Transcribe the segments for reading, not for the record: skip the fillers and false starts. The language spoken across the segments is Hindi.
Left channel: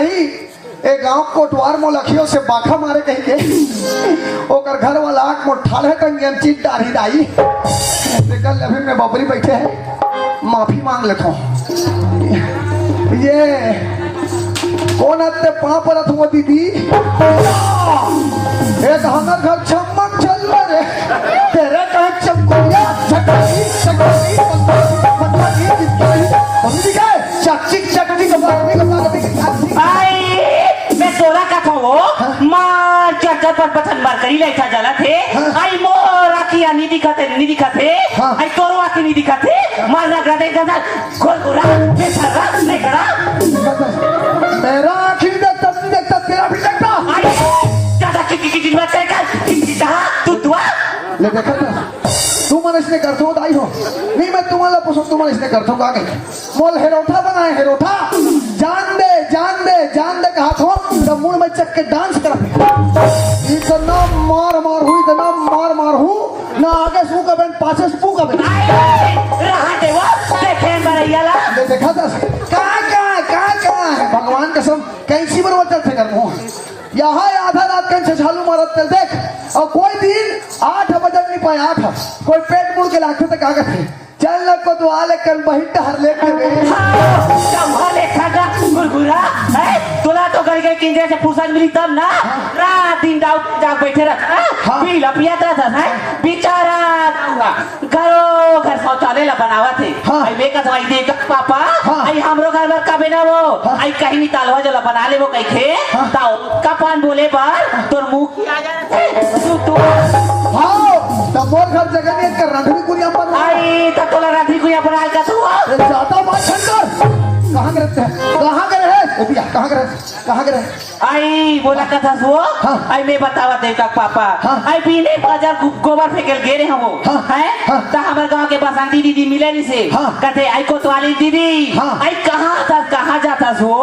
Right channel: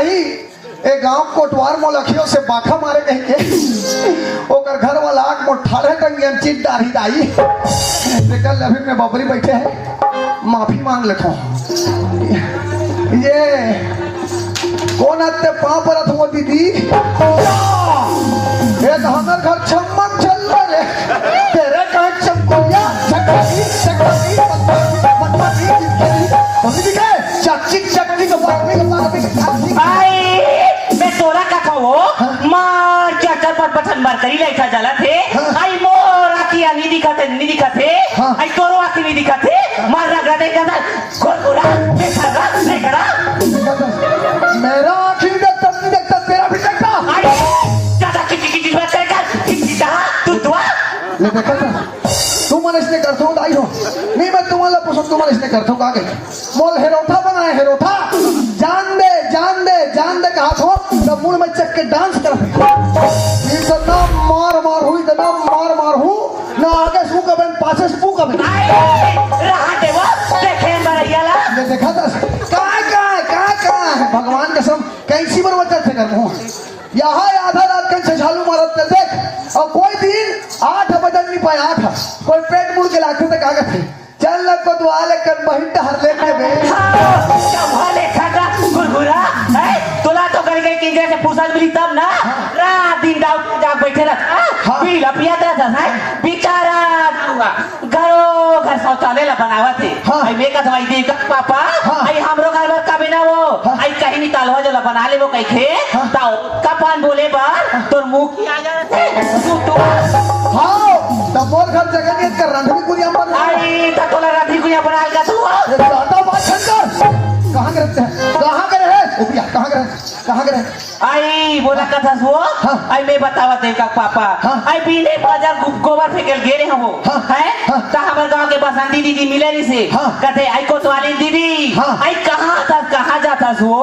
ही ए गांव कोटवार में लखियों से बाखा मारे कहीं के ओकर घर वाला आंख में ठाले तंग हम चीज डारी डाई बेटा लभी में बबरी बैठे हैं माफी मांग लेता हूँ ये कौन आते पाँव पर अथवा दीदी एक हमारे घर चमक चल रहा है तेरे कहाँ चमकोया चकरी चकरी पत्ती अभी दिखाए चक्की चक्की का भाई मैं सोना का था वो मार चढ़ पर पथन मार करी लाइका जला थे आई मोर आखी नहीं दिखाते आई तोरो आखी नहीं दिखाते मार रगड़ा दे गदा गोरा बेखड़ा बेखड़ा मेरा आखी नहीं देखता तेरा भी देखता आई दादा किसी बात है का तू ले देखा तू मन इसने करता हूँ दाई हो नहीं मैं तुम्हारा पूछूं तू मन इसने करता हूँ आगे मोल हेरोथा बनाए हेरोथा जान दे कहा तो मुड़ में चक के डांस कर इतना मार हुई इतना मार हूँ ना आगे सू का बन पाछे सू का बन देखा था कहाँ भगवान कसम कैसी बरबर चलते कर हूँ यहाँ आधा रात के छछालू मारत चल देख और कोई दिन 8 बजन नहीं पाया 8 कोई पेट मुड़ के लाखे तक आगत है चल को दुआले कर बहिन हर लेके गए तोला तो कर गई कि जैसे फुर्सत मिली तब ना रात दिन दाव जाग बैठे रहता पीला पियाता था बेचारा हुआ घर शौचालय ला बनावा थे आई बेका तो आई देख पापा आई हमरो घर में कबे ना वो आई कहीं निकालो जला बना ले वो कहीं थे ताओ कपान बोले बार तोर मुंह की आ जा तू हां तब बोल घर जगह के कर रंधवी कुरिया पर आई तकोला रंधवी कुरिया बना के तू साता बात खंडर कहां करे आई बोला का था वो आई मैं बतावा दे का पापा आई पीले बाजार गोबर फेंकल गेले हम वो हैं ता हमर गांव के बसंती दीदी मिले नी से कहते आई कोतवाली दीदी आई कहां जाता वो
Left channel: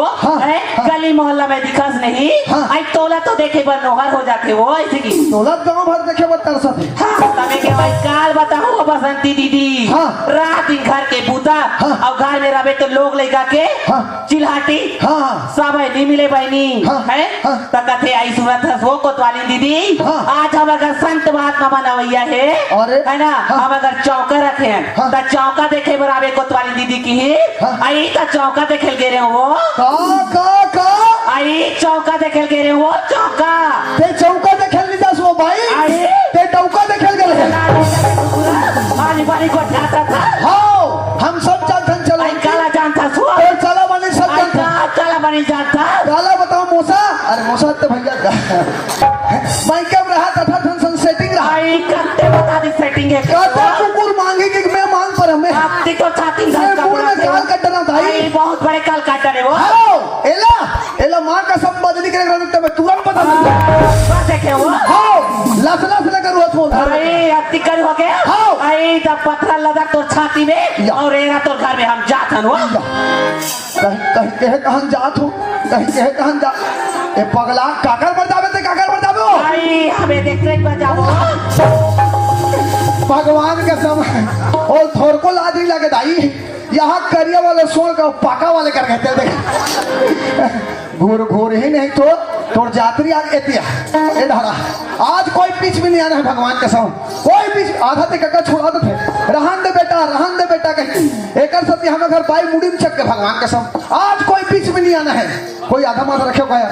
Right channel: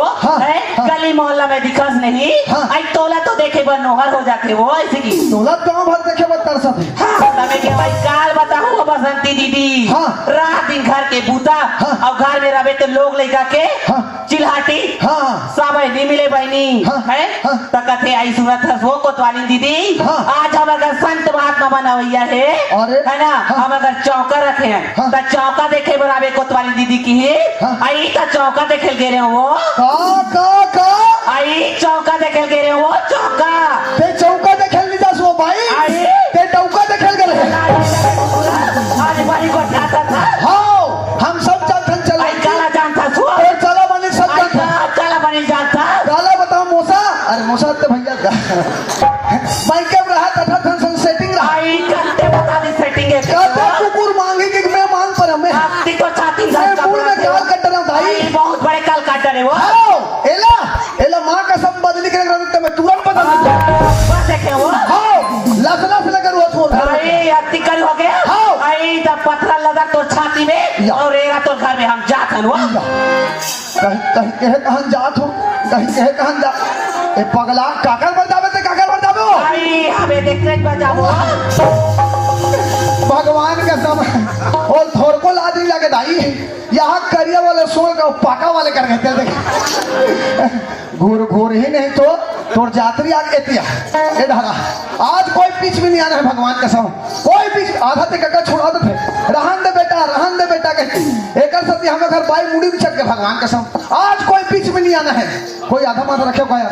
हैं गली मोहल्ला में दिखास नहीं आई तोला तो देखे बन नोहर हो जाते वो ऐसे की तोला गांव भर देखे बत तरसत है हमें के भाई काल बताओ बसंती दीदी रात दिन घर के बूता और घर में रहे तो लोग लेगा के चिल्हाटी सब नहीं मिले बहनी है तकथे आई सुनत हो कोतवाली दीदी आज हम अगर संत महात्मा बनावैया है ना हम अगर चौका रखे हैं तो चौका देखे बराबर कोतवाली दीदी की है आई तो चौका देखे गे रहे हो आई चौका देखे गे रहे हो चौका ते चौका देखे नहीं जा सो भाई ते चौका देखे गए आने वाली को जाता था हम सब चलथन चला काला जानता सो चला बने सब काला बनी जाता काला बताओ मौसा अरे मौसा तो भैया भाई कब रहा था फंक्शन सेटिंग रहा आई करते बता दी सेटिंग है कहता कुकुर मांगी कि मैं मांग पर हमें आपकी तो चाहती है काल कटना भाई बहुत बड़े काल काटने वो एला मां का सब बदली के रहा तो मैं तुरंत बता दूंगा बस है वो लख लगा रोज हो अरे अति कर हो गया आई द पत्थर लगा तो छाती में और एरा तो घर में हम जात हन वो कहां जात हो कहां जा ए पगला काकर बतावे अरे हमें देखते ही बजाओ भगवान का समय और थोड़ को लाज नहीं लगे दाई यहाँ करिया वाले सोल का पाका वाले कर कहते देख घूर ही नहीं तो थोड़ जात्री आग एतिया ए ढारा आज कोई पीछ भी नहीं आना है भगवान का सम कोई पीछ आधा ते कक्का छोड़ा दे रहन दे बेटा कहते एकर सती हम घर पाई मुड़ी भी चक के भगवान का सम आज कोई पीछ भी नहीं आना है कोई आधा मत रखे गया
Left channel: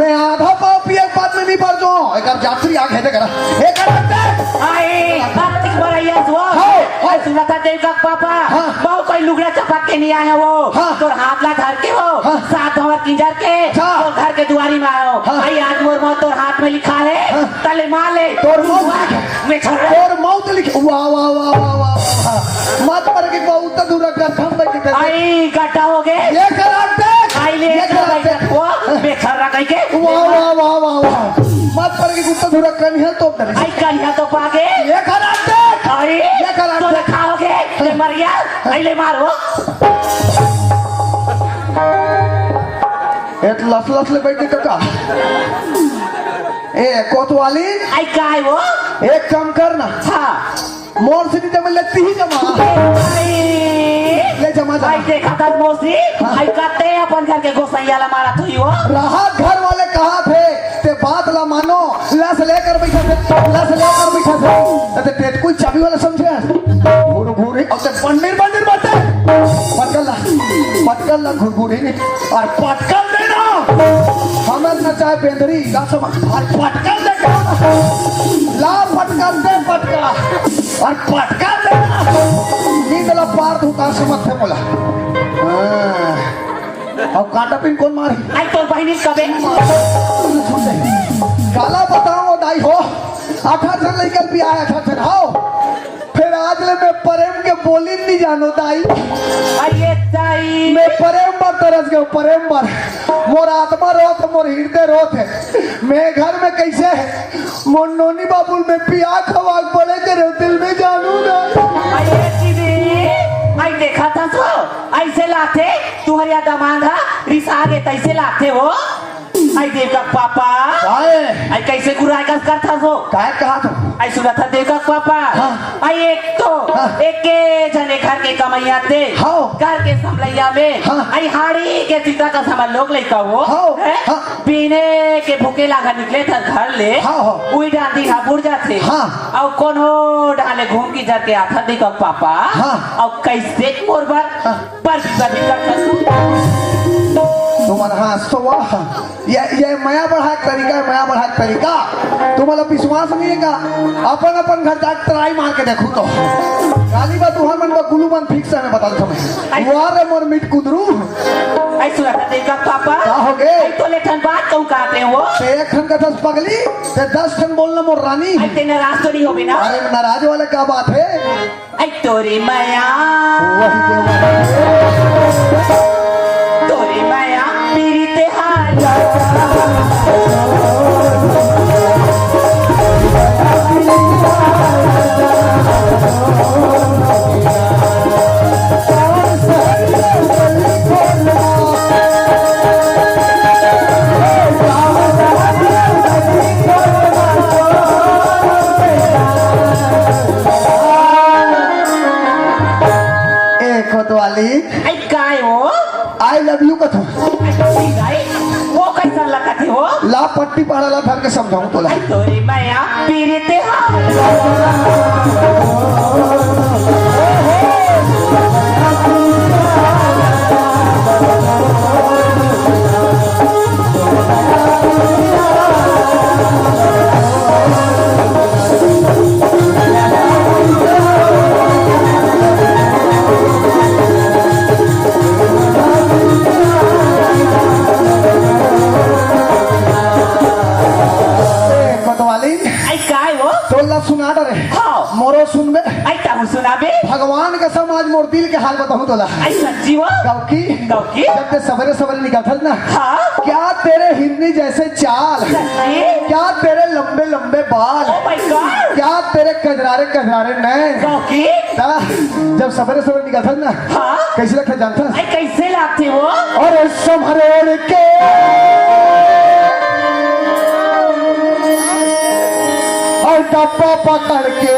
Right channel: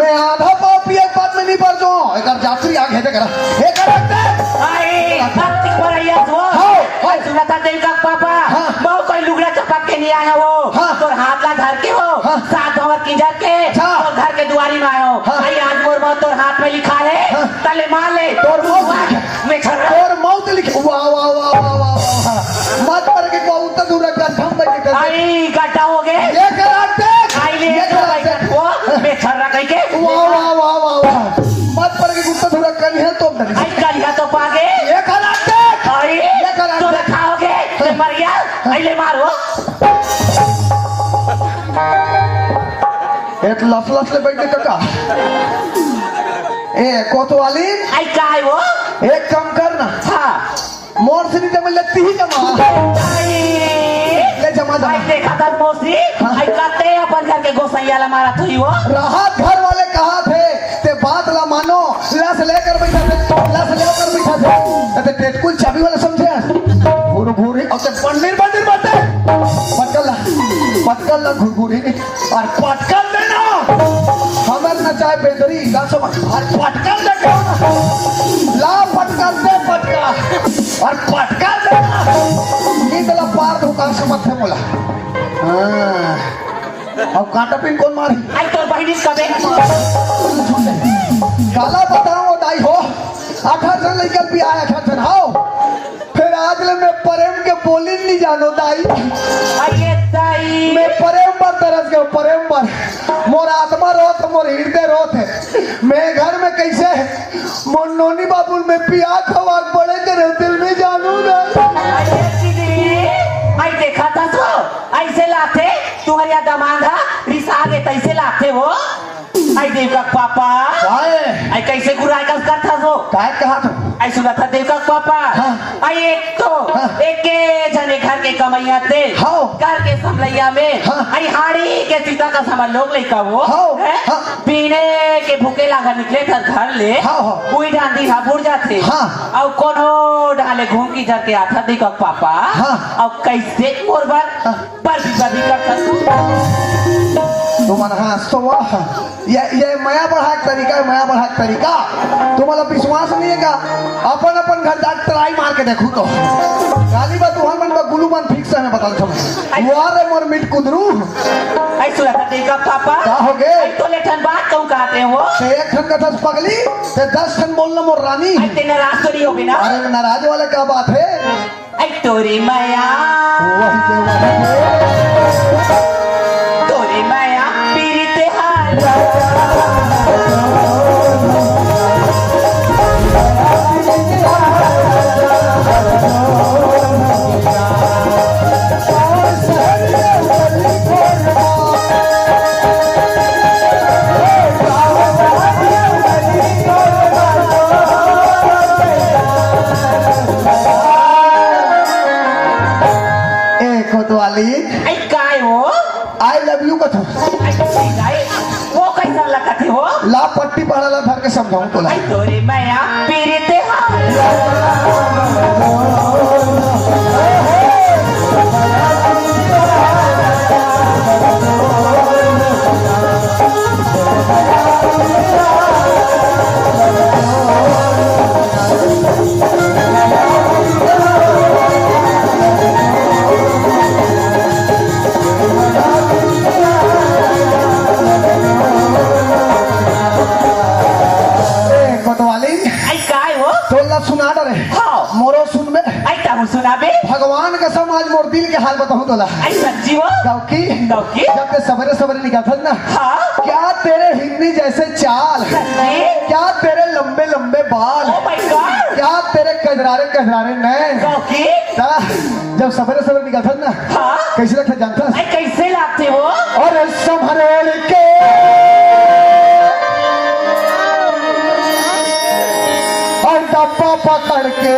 मैं आधा पापी एक बात में नहीं पड़ जाऊं एक जात्री आग है करा एक आई कार्तिक बरैया वो सुनता देव का पापा वो कोई लुगड़ा चपक के नहीं आया वो तो हाथ ला धर के वो साथ और किंजर के तो घर के दुआरी में आयो आई आग मोर मौत तोर हाथ में लिखा है तले मार ले तोर मौत लिखे वाह मत पर के बहुत दूर का हम बैठे आई गड्ढा हो गए ये कराते आई ले वो बेखरा कह के वाह मत पर के गुस्सा दूर कहीं है तो आई करिया तो पागे ये कराते आई तो खाओगे ले मर गया आई ले मारो एक लफ ले बैठे काका ए कोतवाली आई का है वो एक काम करना हां मोर से नहीं लेती ही जमा आई ले जमा आई देखा था मोसी आई काटे अपन घर के गोसैया ला मारा और पटकन देना हमें न चाहे बेदरी ला सब और पटकन देना ला पटकन दे पटका और पटकन देना निकला पार धुकार से मथे बोला और कांटा पिन कौन मारी आई तो बहिनी कबे गला बताओ दाई हो 18 लेकर भी आया था चढ़ाओ फिर आज ले मैं प्रेम के बोली नहीं जानो दाई आइए ताई मैं प्रेम पर तरस गया प्रेम पर मोर आत्मा रोत मोर हृदय रोत है मैं घर में कैसे मोर नोनी बाबुल में पिया खवा पड़े करे दिल में जानू ना आइए दीदी आई देखा था तो ऐसे लाते तुम्हारे दमांगा रिसा के तैसे लाते हो आई देवका पापा आई कैसे गुराई का करता तो काय कहा था आई सुना था देवका पापा आई एक तो एक के जने घर के कमैया थे घर के समलैया में आई हाड़ी के चिता का समझ लोग लेका वो पीने के भूखे लागा निकले था घर ले उई डांदी था बुढ़ जाते और कोनो डाले घूम की जर के आता देखा पापा और कैसे कोरबन पर भी करता तुम्हारा हाँ तो ये माया बढ़ा तरीका है माया बढ़ा तरीका तुम्हारा विश्वास नहीं है का अपन अपन घर जाके ट्राई मार के देखो तो काली का तुम्हार मन का गुलू मन फिक्स है मैं बता दूं वारे मोर मिट कुदरू ऐसा देखा पापा क्या हो गए तो लेठन बात कहूं कहते हैं वो से एक ठन कथा पगली से 10 ठन बोलना मोर रानी ऐसे नाराज तो नहीं होगी ना अरे नाराज वाला क्या बात है ऐ तोरी माया तोरी माया पीरिते हाल वाली ऐ काय वो आई लव यू कथू वो कैसा लगा थे वो ला पट्टी पड़ा ला धर के समझाऊं बोला ऐ तोरी माया पीरिते जब ते सवेरे सवेरे निकलता ना क्या तेरे हिरनी जैसे चाल क्या तेरे लंबे लंबे बाल क्या तेरे कजरारे कजरारे नैन जब सवेरे सवेरे निकलता ना कैसे लगते जानता कैसे लगते वो और संभरेल के और डब्बा पकड़ के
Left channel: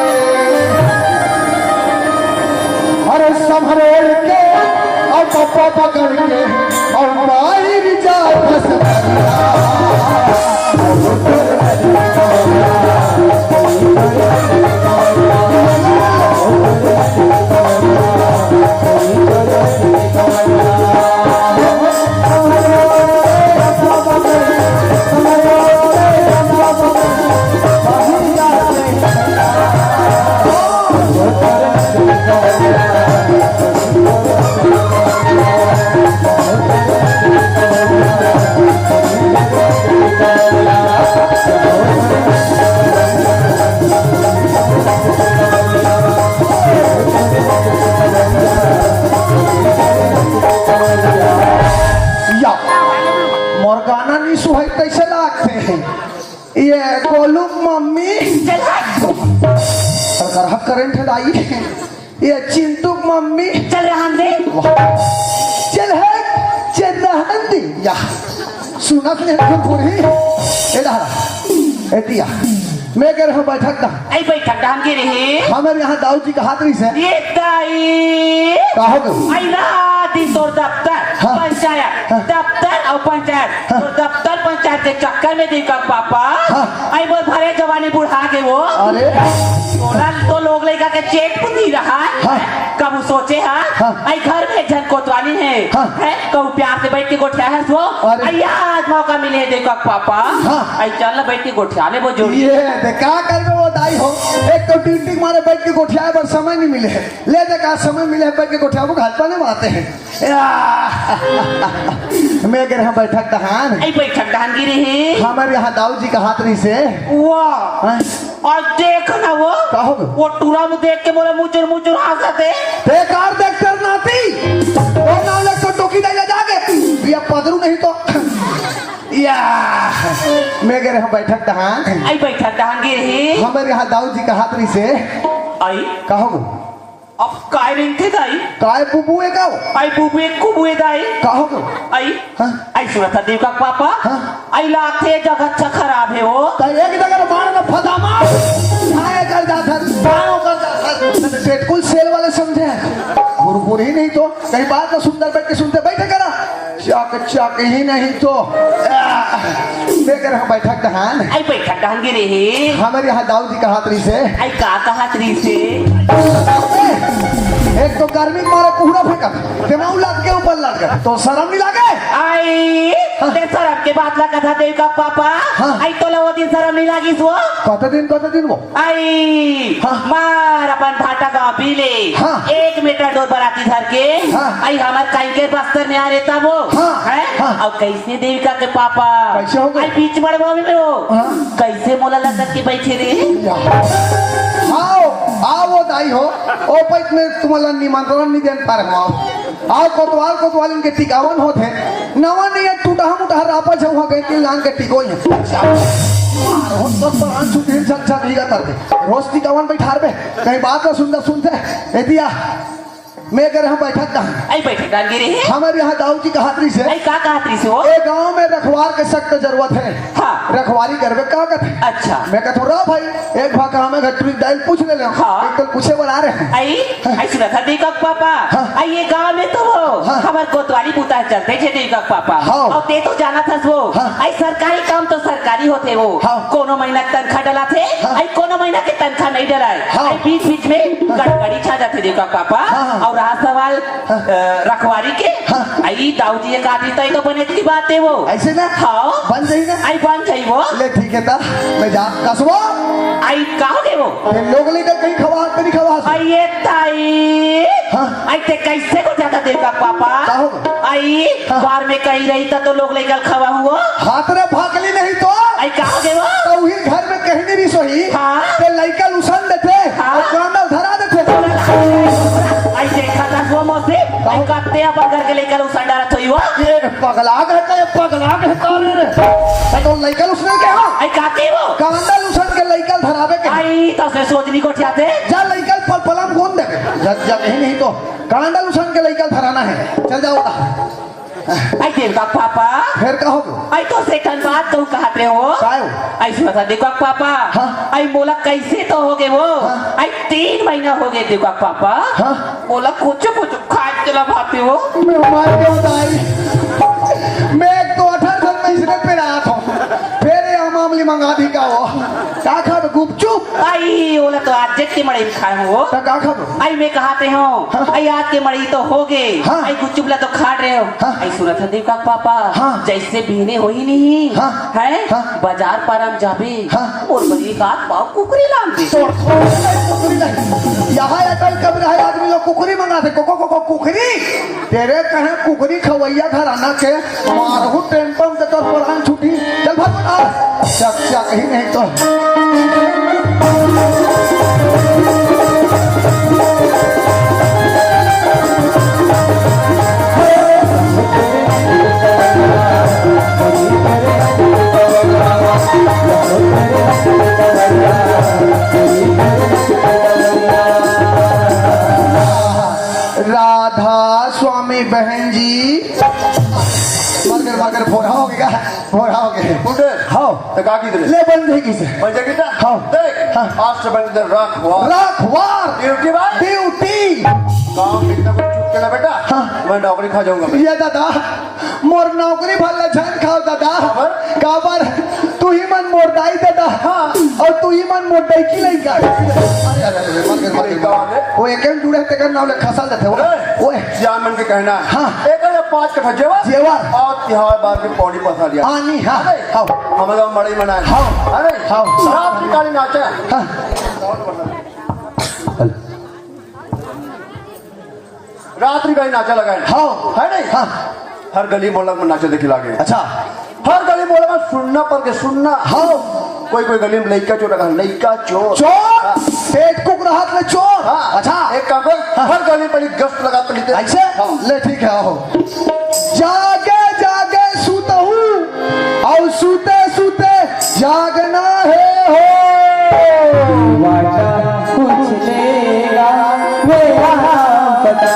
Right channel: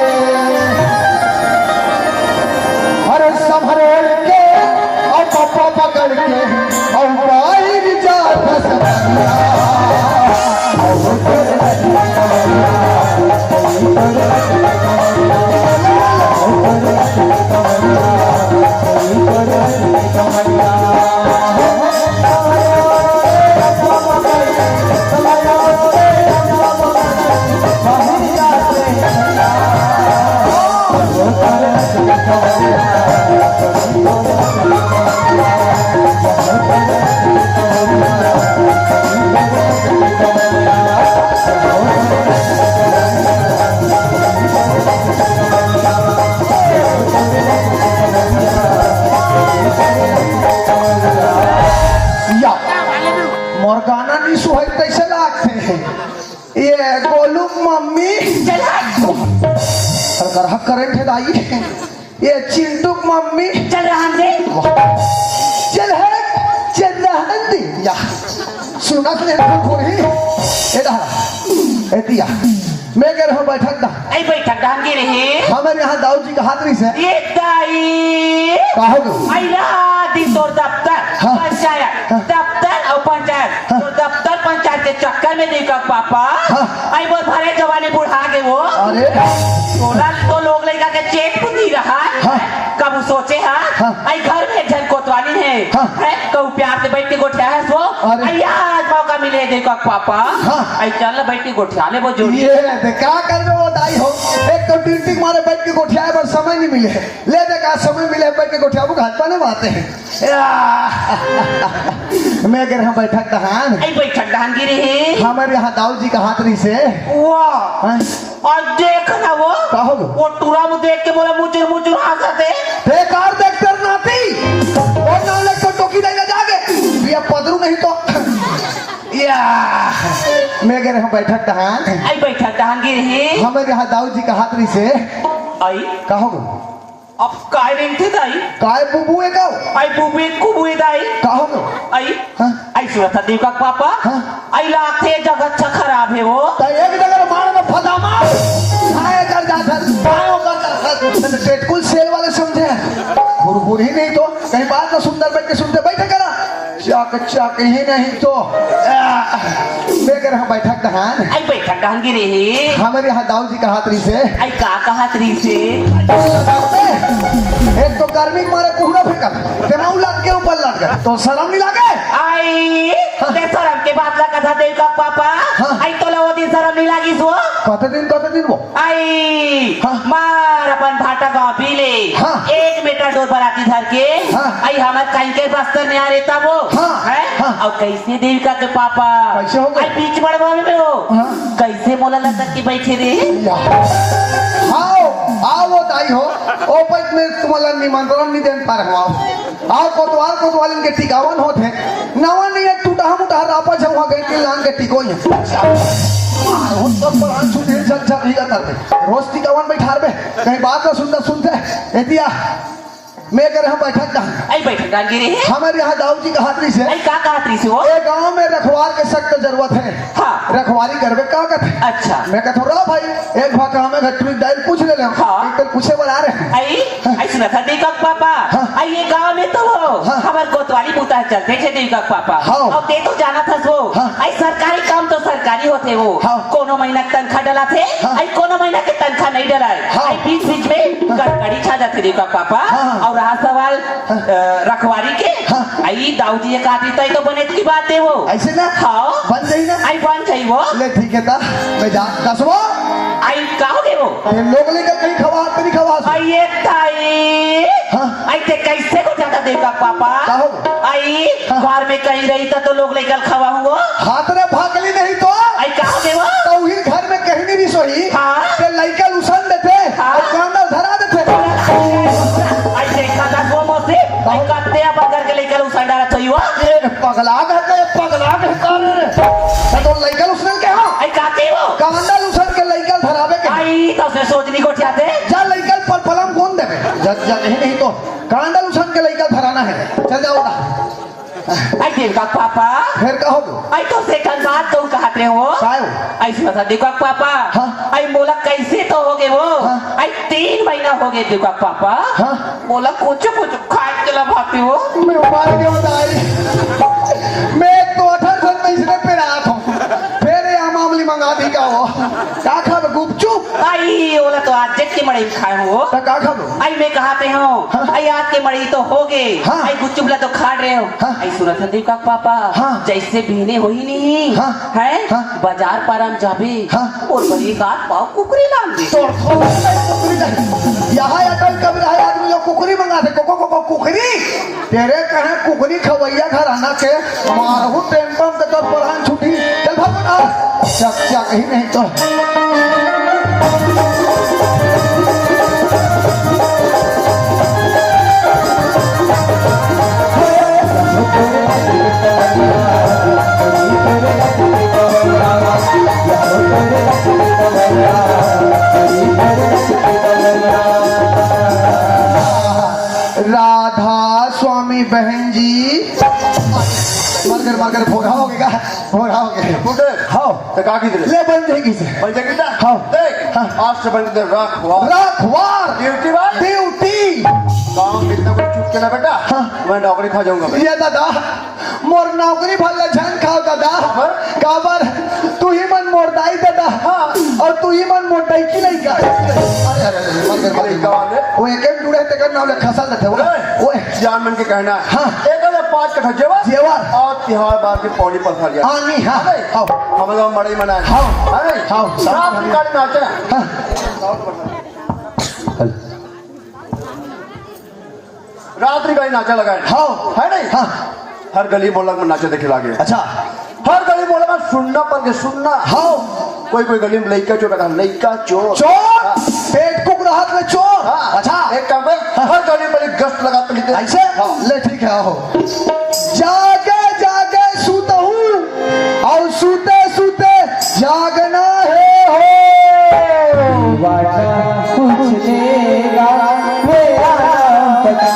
और संभरेल के और डब्बा पकड़ के और बाहर जा करंट लाई ये चिंटू मम्मी चल रहा दे चल है चंदहंदी या सुनत ने पूरी एदा एतिया मैं कह रहा हूं बैठक दा ऐ बैठक डांगे रहे हमारे यहाँ दाऊ जी का हाथरी से ये ताई का हो गई आई राती तोर दफ्तर पंचायत दफ्तर और पंचायत तो दफ्तर पंचायत के चक्कर में देखा पापा आई बोल भरे जवानी बुढ़ा के वो अरे तो लोग लेगा के चेक नहीं रहा कब सोचे आई घर में झट कोतवाली है कब प्यार से बैठ के गोठिया है वो अरे। आई आज मौका मिले देखो पापा हाँ। आई चल बैठ के गोठिया ले वो जोड़ी ये दे क्या करबे वो दाई हो एक तो ड्यूटी मारे बैठ के गोठिया पर समय नहीं मिले ले दे का समय मिले बैठ के गोठिया को घर पर नहीं आते हैं मैं अगर हम बैठक दहान आई बैठक दहन गिरी है हमारे यहाँ दाऊ जी का हाथरी से वाह हैं? और देख ना का हो गया? वो टूरा में देख के बोला मुचुर मुचुर हंसते बेकार देख कर नाती और ना ले तो टोकी नहीं जागे या पदरू नहीं तो या मैं अगर हम बैठक दहान आई बैठक दहन गिरी है हमारे यहाँ दाऊ जी का हाथरी से आई कहो अब काय रिंग थी दाई काय बुबू है का आई बुबे कुबुए दाई कहो आई हाँ? आई सुना था देव का पापा हाँ? आई लाते जगह अच्छा खराब है वो तो एक जगह बाण में फदा मार खाए कर जाता गाँव का टेटकुल सेल वाले समझे गुरुपुर ही नहीं तो कहीं बात ना सुंदर बैठ के सुनते बैठे करा चाक ही नहीं तो मैं कह रहा बैठक दहान आई बैठक दहन गिरी है हमारे यहाँ दाऊ जी का हाथरी से आई का कहा त्री से एक तो गर्मी में मारे कोहरा फेंका दिमाग लग के ऊपर लग गया तो शर्म नहीं लगे आई ते शरम के बात ना कथा देव का पापा हाँ। आई तो लगा दिन शरम नहीं लगी सो कत दिन वो आई हाँ। मार अपन भाटा गाँव पीले हाँ। 1 मीटर दूर बराती धर के हाँ। आई हमारे कहीं के बस्तर में आ रहता वो हाँ। हैं? हाँ। और कैसे देविका के पापा कैसे हो गए? आई बीच बड़वाने में हो हाँ। कैसे मोला लटक के बैठे रे आओ आओ वो दाई हो ओ पैत में तुम्हाला निमंत्रण नहीं देन पर हो आओ कोतवाल इनके टिकावन होते नवा नहीं है टूटा हम उठा रापा जब हो गए कि लांग के टिको ही हम सब तो आंसू दिल चल चल भीगा करते रोज टिकावन बैठा बे कहीं बात ना सुनते एतिया मैं कह हम बैठक का आई बैठक डाल गिरे है हमारे यहाँ दाऊ जी का हाथरी से आई का कहा त्री से हो एक गांव में रखवार के सख्त जरूरत है हाँ। रखवारी करवे का कहते अच्छा मैं कहता रहा भाई एक भाग में घटरी डायल पूछ ले हाँ। एक तो पूछे बना रहे हैं आई सुना था देव का पापा हाँ। आई ये गाँव में तो वो हाँ। हमारे कोतवाली बूता चलते थे देव का पापा हाँ। और ते तो जाना था वो हाँ। आई सरकारी काम तो सरकारी होते वो हाँ। कोनो महीना तनखा डला थे हाँ। आई कोनो महीना के तनखा नहीं डलाए हाँ। आई बीच में गड़बड़ी छा जाती देव का पापा हाँ। और रहा सवाल रखवारी के हाँ। आई दाऊ जी का आती तो बने की बात है वो ऐसे ना हाँ बन जाई ना आई बन जाई वो ले ठीक है ता मैं जा कसबो आई कहोगे वो ये लोग लेकर कहीं खवा तो नहीं खवा आई ये ताई हाँ। आई ते कैसे को जाता देगा पापा कहो। आई हाँ। द्वार में कहीं रही था तो लोग लेकर खवा हुआ हाथ रे भागली नहीं तो आई कहोगे वो तो वही घर में कहीं नहीं सोई हाँ। ते लइका लुसन देते हाँ। और कांडल धरा देते आई देखा था वो मोसे आई काटे अपन करके लेकर उस साइड आ रहा वो ये पगला कहता रे तो लइका लुसन के हां आई काटे वो कांडल लुसन के लइका धरावे के आई तो से सोचनी को चाहते जा लइका पर पलम कौन देवे जब नहीं तो कांडल लुसन के लइका धराना है चल जाओ आई देगा पापा फिर कहो आई तो से कल बात तो कहते हो कायो आई सुना देखो पापा हाँ। आई बोला कैसे तो हो गए वो हाँ। आई 3 महीना हो गए देखो पापा हाँ। बोला कुछ खा चला भाते हो मैं मान के बताई मैं तो 18 में इसने पे रहा था फिर ये मामली मंगा दी का वो का खा गुपचुप आई बोला तो आज जग के मड़ई खाए हो तो का खा आई मैं कहाते हो हाँ। आई आज के मड़ई तो हो गए हाँ। आई कुछ चुपला तो खा रहे हो हाँ। आई सुना था देखो पापा हाँ। जैसे बीने हो ही नहीं हाँ। है हाँ। बाजार पर हम जाबे हाँ। और बड़ी बात पाओ कुकरी लान दे तो कुकरी नहीं यहाँ अटल कब रहे आदमी लोग कुकरी मंगाते को कुकरी तेरे कहे कुकरी खवैया घराना के मारहू टेंपम के तो पुरान छुट्टी चल भाग चक ही नहीं तो राधा स्वामी बहन जी मगर भोरा हो गया पुटे हाँ तो का की ले बन जाएगी से बन जाएगी ना हाँ। देख हाँ। आज से बन दे रखवार रखवार ड्यूटी भाई ड्यूटी काम इतना कुछ चुप के ना बेटा हाँ। मैं नौकरी खा जाऊंगा ये दादा मोर नौकरी भला जान खाओ दादा काबर तू ही मन मोरदाई दादा और तू ही मन मोरदाई की नहीं वो एक जुड़े ते नाम ले खसा देते वो जान मन के कहना हाँ। एक 5 कट्ठा जेवर जेवर। और तिहाड़ बार के पौड़ी पसा लिया आनी हाँ आओ हम लोग बड़े मनाए हाँ। अरे हाँ। रात की गाड़ी नाचे हाँ। रात्रि गाड़ी नाचा लगा हाँ। है नहीं हाँ। हर गली मोहल्ला में नाचे देखे लागे अच्छा हर गली मोहल्ला में सुनना पर के सुनना हाँ कोई कोई गली में लइका चोर रखा लइका चोर चोर पेट कुक रहा में चोर हाँ। अच्छा एक काम कर हर गली में एक गश्त लगाते लेते ऐसे ले ठीक है हो जागे जागे सूता हूँ और सूते सूते जागना है हो वादा कुछ लेगा मेरा पता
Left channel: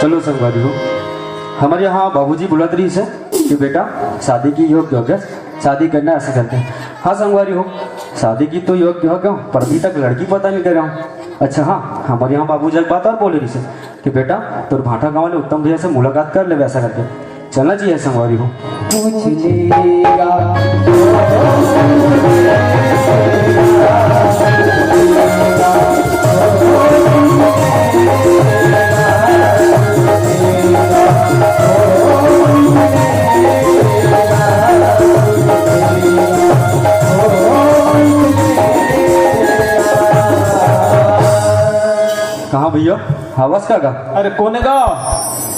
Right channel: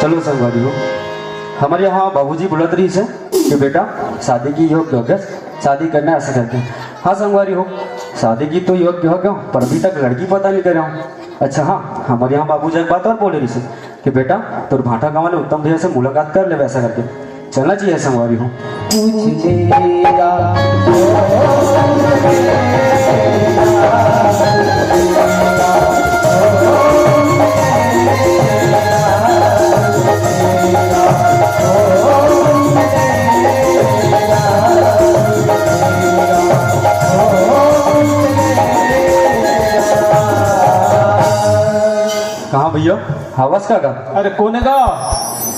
चलो संगवारी हो हमारे यहाँ बाबूजी बुला रही से कि बेटा शादी की योग्य हो गया शादी करना ऐसे करके हाँ संगवारी हो शादी की तो योग्य हो क्यों पर अभी तक लड़की पता नहीं कर रहा अच्छा हाँ हमारे यहाँ बाबूजी एक बात और बोले रही से कि बेटा तुर भाटा गाँव वाले उत्तम भैया से मुलाकात कर ले वैसा करके चलना चाहिए संगवारी हो पूछ लेगा कहाँ भैया हवस का अरे कोने का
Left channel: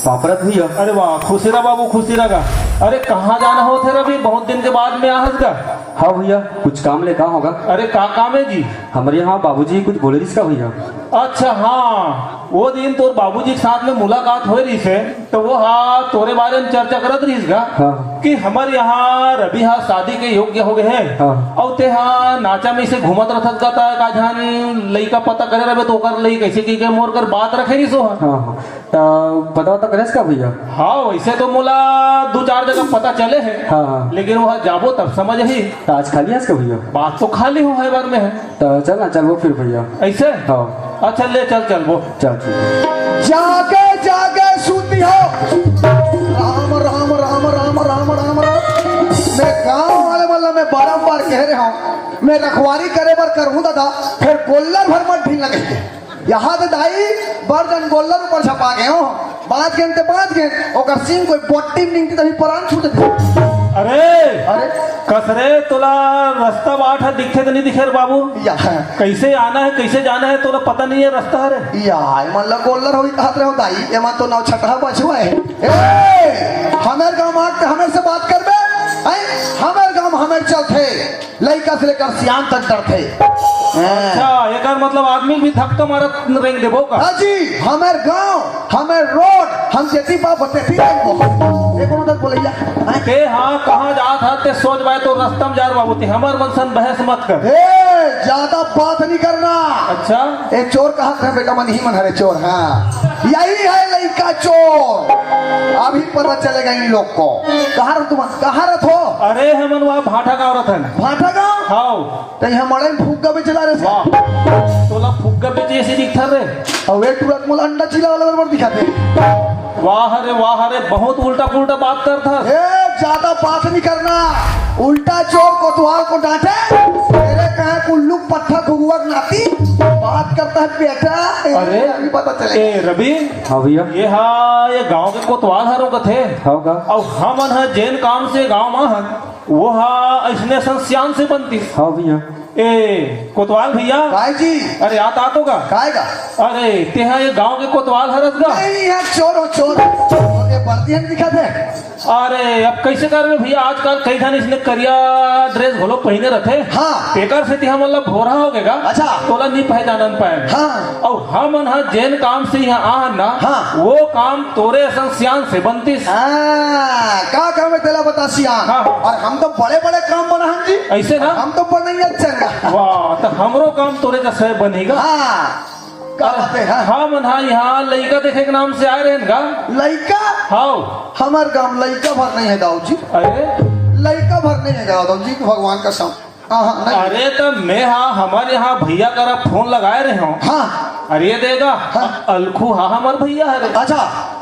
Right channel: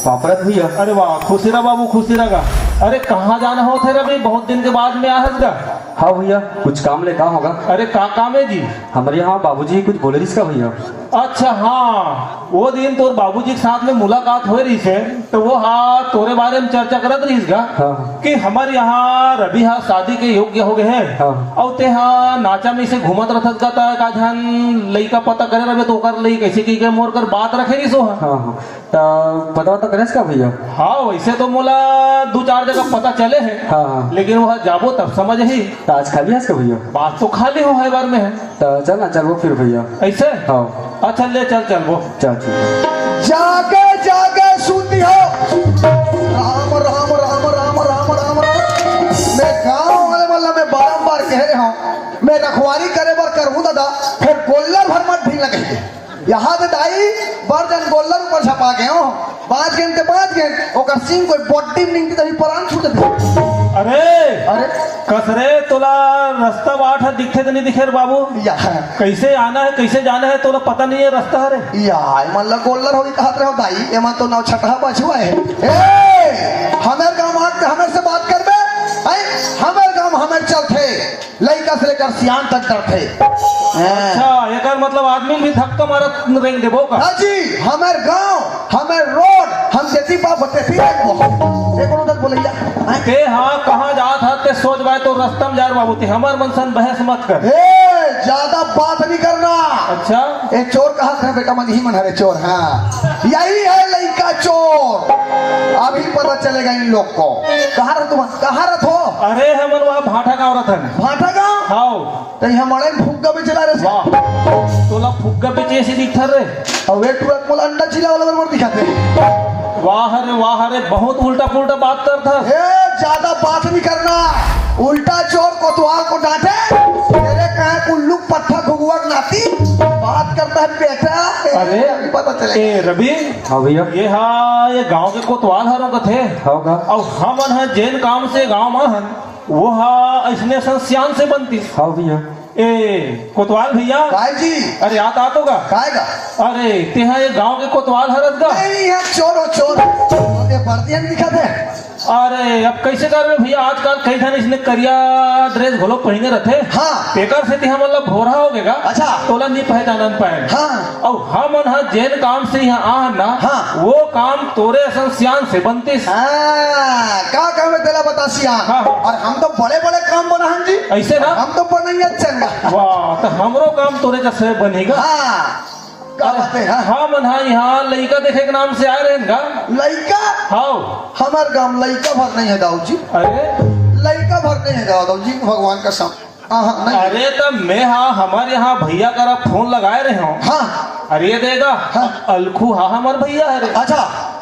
पापड़त भैया अरे वाह खुशी रहा बाबू खुशी रहा अरे कहाँ जाना हो थे अभी बहुत दिन के बाद में आहत का हाँ भैया कुछ काम ले कहाँ होगा अरे कहाँ काम है जी हमारे यहाँ बाबूजी कुछ बोले रही का भैया अच्छा हाँ वो दिन तो बाबूजी के साथ में मुलाकात हो रही से तो वो हाँ तोरे बारे में चर्चा करत रही का हाँ। कि हमारे यहाँ रवि हाँ शादी के योग्य हो गए हैं हाँ। और ते हाँ नाचा में से घूमत रहत का ता का झन लइका पता करे रहे तो ओकर लई कैसे की के मोर कर बात रखेगी सो हाँ। हाँ हाँ तो पता वता करेस का भैया हाँ वैसे तो मोला 2-4 जगह पता चले हैं हाँ। लेकिन वहाँ जाबो तब समझ ही तो आज खाली है इसका भैया बात तो खाली हो है बार में है तो चल ना चल वो फिर भैया ऐसे हाँ अच्छा ले चल वो चल ठीक है जागे जागे सूती हो राम राम राम राम राम राम मैं गांव वाले वाला मैं बारंबार कह रहा हूँ मैं रखवारी करे बर करूँ दादा फिर गोल्ला भर मत ढील लगे यहाँ पे दाई बर्जन गोल्ला पर छपा गए हो 5 घंटे 5 घंटे ओकर सिंह कोई बॉडी निकली तभी प्राण छूट दे अरे अरे कसरे तुला रास्ता बाट है दिखे तो नहीं दिखे रे बाबू या कैसे आना है कैसे जाना है तुला पता नहीं है रास्ता है रे या मतलब गोल्लर होगी कहाँ रहे हो दाई एमा तो नाव छठा बचुआ है ए हमारे गांव मार के हमारे से बात कर बे हमारे गांव हमारे चलते लइका से लेकर सियान तक डरते अच्छा एक मतलब आदमी भी धक्का मारत रेंग देबो का जी हमारे गांव हमारे रोड हम जेती पाप होते फिर एक उधर बोले ते हाँ कहाँ जात है ते सोच बाय तो रास्ता में जा बाबू ते हमार मनसन बहस मत कर ए ज्यादा बात नहीं करना अच्छा ए चोर कहा था बेटा मन ही मन है चोर हाँ यही है लइका चोर अभी पता चलेगा इन लोग को कहाँ रह तुम कहाँ रह हो अरे हमन वहाँ भाटा का औरत है भाटा गांव हाँ तो यहाँ मड़े में फूक भी चला रहे वाह तोला फुग्गा बेचे ऐसे दिखता रे और वे तुरंत मुझे अंडा चिल्ला वाला मर दिखाते वाह रे बहुत उल्टा पुल्टा बात करता ए ज्यादा बात नहीं करना उल्टा चोर कोतवाल को डांटे तेरे कहा कुल्लू पत्थर भुगुआ नाती बात करता है बेटा अरे अभी पता चले ए रवि हाँ भैया ये गांव के कोतवाल हरो कथे हाँ का और हम है जैन काम से गांव में है वो हा ऐसने संस्यान से बनती हाँ भैया ए कोतवाल भैया काय जी अरे याद आता होगा काय का अरे तेहा ये गांव के कोतवाल हरत का नहीं है चोर हो चोर ये भारतीय दिखा थे अरे अब कैसे कर रहे भैया आजकल कई धन इसने करिया ड्रेस घोलो पहने रहते हाँ। पेकर से तिहा मतलब भोरा हो गएगा अच्छा। तोला नहीं पहचानन पाए हाँ। और हम हा जैन काम से यहाँ आ ना हाँ। वो काम तोरे संस्यान से बनती क्या काम है तेरा बता सिया हाँ। और हम तो बड़े बड़े काम बना हम जी ऐसे ना हम तो बनेंगे चंगा वाह तो हमरो काम काम तोरे जैसे बनेगा। हाँ का बात है हाँ हाँ मन हाँ यहाँ लड़का देखे के नाम से आ रहे हैं का। लड़का हाँ हमारे गांव लड़का भर नहीं है दाऊ जी, अरे लड़का भर नहीं है दाऊ जी, भगवान का सम हाँ नहीं अरे तब मैं हाँ हमारे यहाँ भैया का फोन लगाए रहे हूँ। हाँ अरे देगा हाँ। अलखू हाँ हमार भैया है रे। अच्छा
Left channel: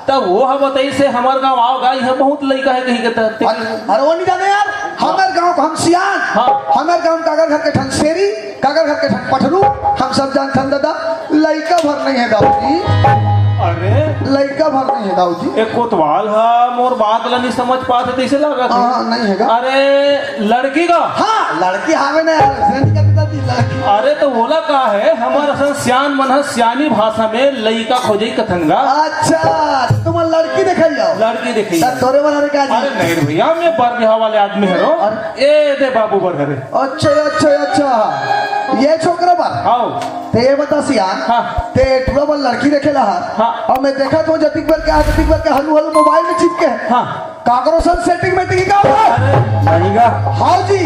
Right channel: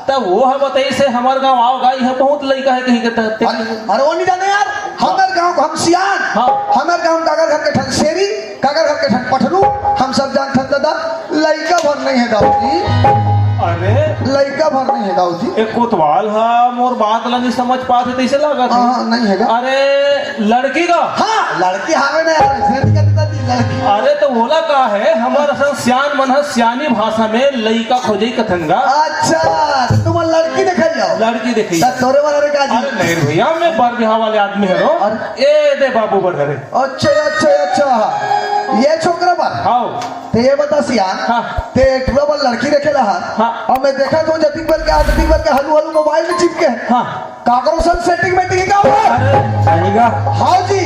तब वो हम बताई से हमारे गाँव आओ गाय है बहुत लड़का है कहीं के तहत। अरे वो नहीं जाने यार, हमारे गांव को हम सियान हाँ। हमारे गांव काका घर के ठन शेरी, काका घर के ठन पठरू, हम सब जानते हैं दादा लड़का भर नहीं है दाऊ जी, अरे लड़का भर नहीं है दाऊ जी। एक कोतवाल है मोर बात ला नहीं समझ पाते कैसे लगा था। हाँ नहीं है अरे लड़की का हाँ लड़की हावे ना यार, ऐसे नहीं करता थी लड़की। अरे तो बोला का है हमारा सियान मन है सियानी भाषा में लड़का खोजे कथन गा। अच्छा तो तुम लड़की देखा जाओ, लड़की देखी तब तोरे वाला का अरे जी। नहीं भैया मैं बर बिहाव वाले आदमी है रो। ए दे बाबू बर हरे अच्छा अच्छा अच्छा ये छोकरा बा हाँ ते ये बता सियान हाँ। ते ग्लोबल लड़की देखे रहा हाँ। और मैं देखा तो जतिक पर क्या हलू हलू मोबाइल में चिपके हाँ काकरो सन सेटिंग में टिका हुआ। नहीं का हाँ जी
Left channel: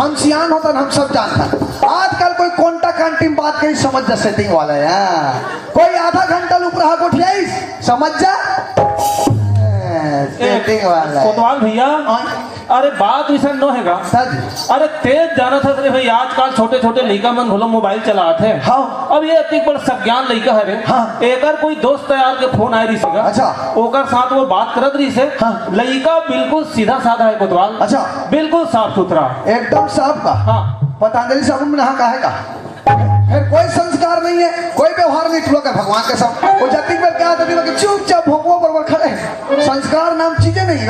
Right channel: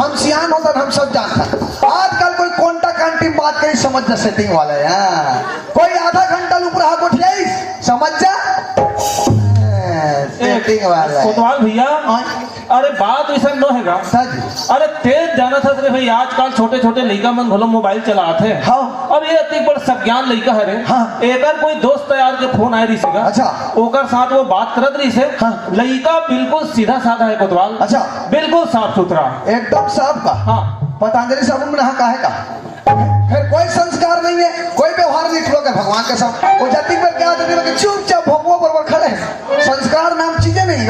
हम सियान होता हम सब जानते हैं, आजकल कोई कोंटा कांटी बात कहीं समझ जा सेटिंग वाला है हाँ। कोई आधा घंटा ऊपर हाथ उठियाई समझ जा सेटिंग वाला है। कोतवाल भैया अरे बात वैसा न हैगा। सच अरे तेज जाना था रे भाई आजकल छोटे छोटे लड़का मन भलो मोबाइल चलाते हैं। हाँ। अब ये अति पर सज्ञान लड़का है रे। हाँ। एकर कोई दोस्त यार के फोन आए रही सीगा। अच्छा। ओकर साथ वो बात करत रही से। हाँ। लड़का बिल्कुल सीधा साधा है कोतवाल। अच्छा। बिल्कुल साफ सुथरा। एकदम साफ का हाँ पतंजलि साबुन में नहा काहे का, फिर कोई संस्कार नहीं है, कोई व्यवहार नहीं लोग भगवान के सब वो जति पर क्या करने लगे चुपचाप भोगो बरबर खड़े हैं। संस्कार नाम चीजें नहीं है।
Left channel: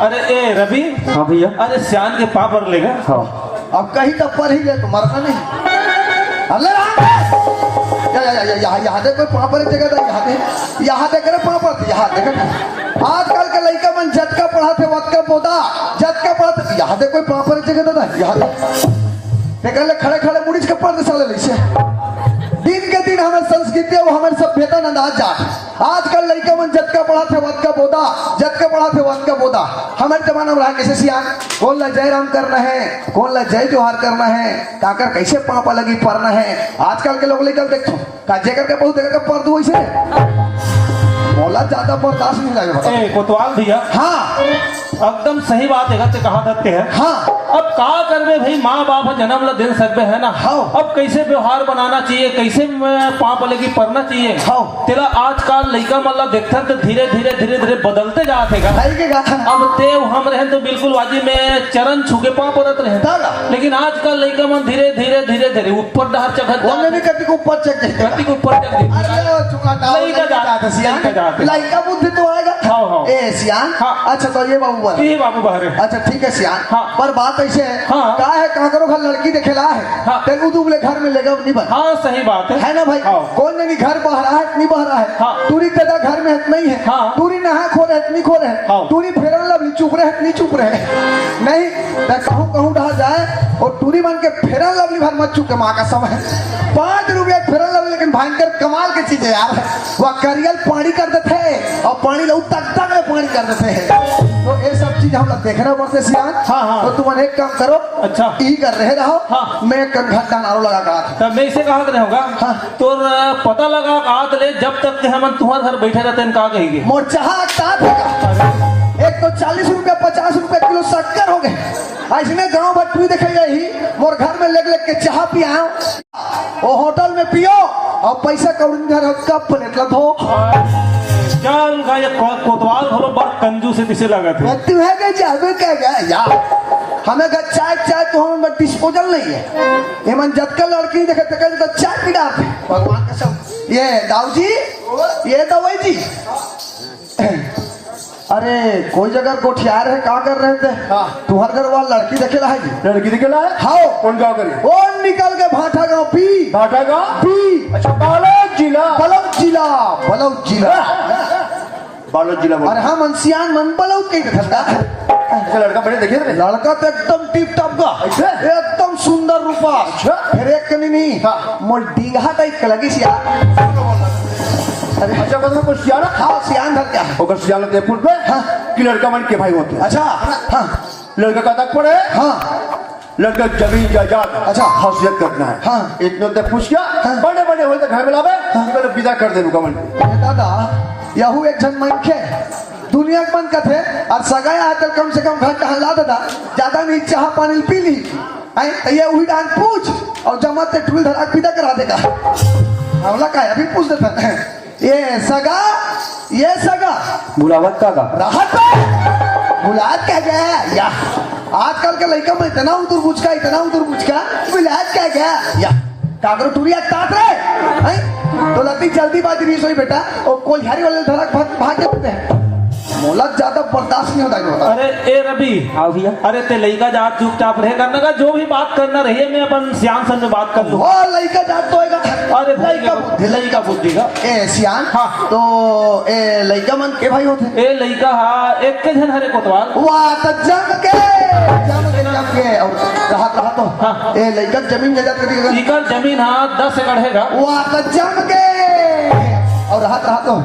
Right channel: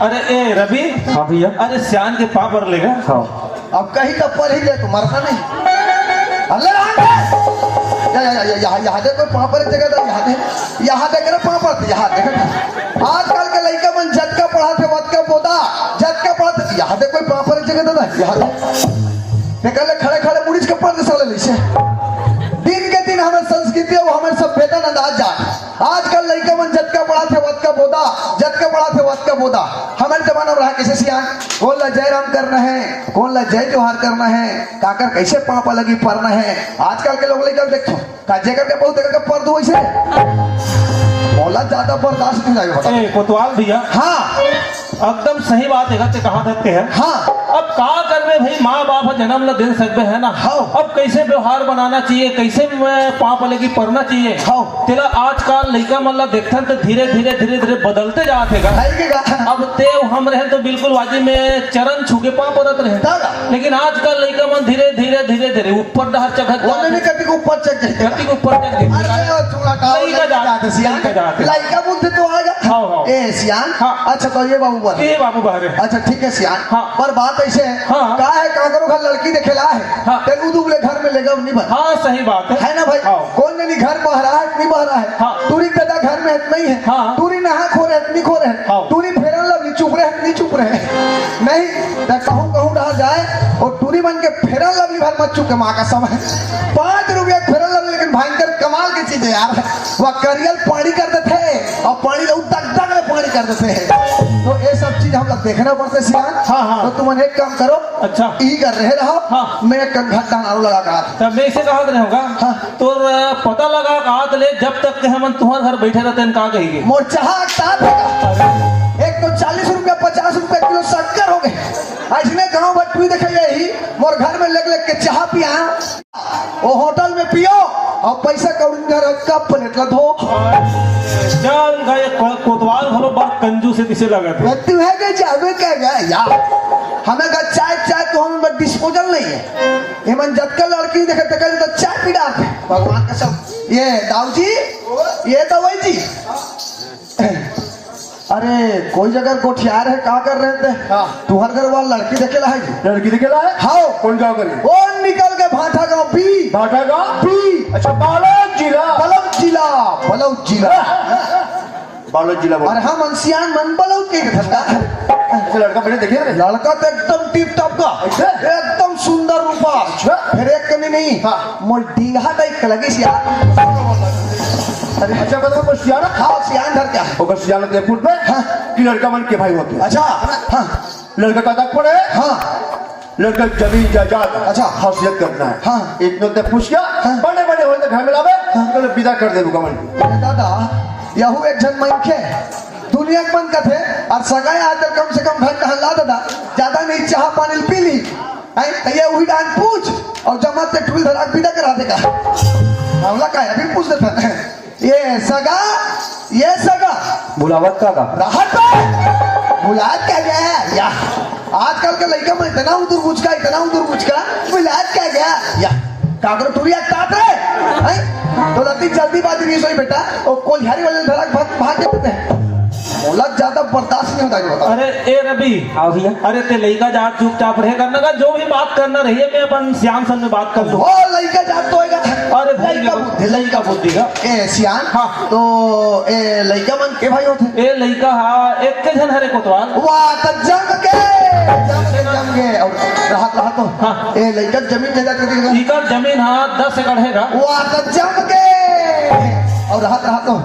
अरे ए रवि हाँ भैया अरे सियान के पाप पर लेगा। हाँ अब कहीं तब पर ही ले तो मरना नहीं। अल्लाह यहाँ दे कोई पापड़ जगह था, यहाँ दे करे पापड़ यहाँ देखे आजकल के लड़का मन जटका पढ़ा थे वत का पोता जटका पढ़ा थे, यहाँ दे कोई पापड़ जगह था यहाँ देखले खड़े खड़े पुलिस के पर्दे साले लिसे दिन के दिन हमारे संस्कृति और हमारे सभ्यता अंदाज जा। आजकल लड़का मन जटका पढ़ा थे वत का पोता जटका पढ़ा थे वत का पोता। हमारे जमाना में रहा कैसे सियान कौन ला जय राम करना है, कौन ला जय जोहार करना है, काकर कैसे पापा लगी पढ़ना है। आजकल के लोग लेकर देखो काजे करके बहुत देखा कर दू वैसे बोला ज्यादा बर्दाश्त नहीं लगेगा। ए कोतवाल भैया हाँ एकदम सही बात है ते कहा था है। हाँ अब का करबे भाई माँ बाप जन्म ला दे सकते है ना। हाँ। अब कैसे व्यवहार बनाना चाहिए, कैसे पाप लेके पढ़ना चाहिए। हाँ। तेरा आजकल लड़का मन ला देखते तो धीरे धीरे धीरे धीरे बदलते जाते गा। नहीं के गाथा अब ते हम रहे तो बिल्कुल वाजी में चरण छुके पाप रत रहे, दादा। लेकिन आजकल लड़का मन धीरे धीरे धीरे धीरे ऊपर डहर चढ़त बोलने नहीं करती को ऊपर चढ़ जाए धरती के ऊपर चढ़ गई। लड़का जाते सियान का जाते लड़का बुद्धि तो आएगा। हाँ, हाँ। ए सियान हाँ। अच्छा तो ये बाबू बोल ए बाबू बाहर अच्छा ठीक है सियान हाँ। पर बात ऐसे है हाँ। का है का करो घर लड़की देखेला है हाँ। तेलू दुबले घर में लेगा नहीं बना हाँ सही बात है ना भाई। हाँ। कौन नहीं घर बह रहा है नहीं बह रहा है हाँ। तूरी कदा घर में है नहीं है हाँ। तूरी नहा खो रहे नहीं खो रहे हाँ। तूरी फेरन लवली चुप रहे नहीं चुप रहे नहीं कहूँ कहूँ डहा जाए और तूरी बन के फेरन लवली भर मत चुके माँ का समय 5 रुपया फेरन लवली, लेकिन भयंकर कमाल की चीज है यार। वह करियल पानी करते थे और पानी तक में पानी करते थे, तो ये सब चीज हम लोग देखना पड़ते सियान। हाँ, हाँ। तो तुम एक काम करो अच्छा। ई कर रहे रहो हाँ। मैं एक घंटा नारू लगा का तब मैं इसे कहा रहे होगा हाँ। तो पता लगा कहा ले जब तक के हम तुम्हारे घर बैठे रहते हैं कहा कहेंगे मोर चाह एक तो 40 रुपया 50 रुपया किलो शक्कर हो गए। ऐसने गांव बटवी देखे यही मोर घर में लग के चाह पिया वो होटल में पियो और पैसा कौड़ी घर कब प्लेट लो धो जान का ये कोतवाल भरो बार कंजू से दिसे लगा थे। तू है कि जावे क्या गया यार हमें का चाय चाय तो हमें डिस्पोजल नहीं है। ये मन जब कल लड़की देखे तो चाय पी डालते भगवान का सब। ये दाऊ जी ये दवाई जी अरे कोई जगह गोठियार है क्या कर रहे थे तुम्हारे घर वाला लड़की देखे ला है जी लड़की दिखेला है हाँ कौन गाँव करी वो निकल के भाटा गाँव पी भाटा का पी अच्छा बालोद जिला बलौद जिला बालोद जिला बोल अरे हम अंसियान मन बलौद के धंधा अच्छा लड़का बड़े देखे रे लड़का तो एकदम टिप टॉप का अच्छा। एकदम सुंदर रूपा अच्छा। फिर एक कनी नहीं हाँ। मोर डीघा टाइप लगे यार। अरे अच्छा बताओ को सियाना हाँ सियान धर क्या ओकर सियाना ते फुट पे कि लड़का मन के भाई होते अच्छा हाँ लड़का का तक पड़े हाँ लड़का जमीन जायदाद अच्छा। खासियत करना है। हाँ। इतने तो पूछ गया बड़े बड़े हो तो घर में लावे मतलब विदा कर दे रुका मन दादा यहू एक जन मनखे दुनिया के बंद कथे और सगाया हाथ कम से कम घंटा हल्ला दादा ज्यादा नहीं चाह पानी पी ली तो ये वही डांट पूछ और जमात से ठुल धड़ाक विदा करा देगा बोला का अभी पूछ देता ये सगा बुलावत का राहत बुलात क्या गया या आजकल के लड़का में इतना उधर बुझका बुलात क्या गया या काकरो टूरिया तात रहे तो लती जल्दी बात नहीं सोई बेटा और कोई हरी वाले धड़क भाग के पते मोलक ज्यादा बर्दाश्त नहीं होता जो अरे ए रवि आओ भैया अरे ते लड़का जा चुपचाप रहे करना का जो भी बात करना रही है मैं अपन श्याम सर से बात कर लूँ वो लड़का जात तो होएगा अरे लड़का बुद्धि का ए सियान हाँ। तो ए लड़का मन के भाई होते ए लड़का हा एक के जन हरे कोतवाल वाह तो जम के और रहा तो हाँ। ए लड़का जमीन जायदाद करेगा इकर जमीन हा 10 एकड़ हैगा वाह तो जम के और रहा तो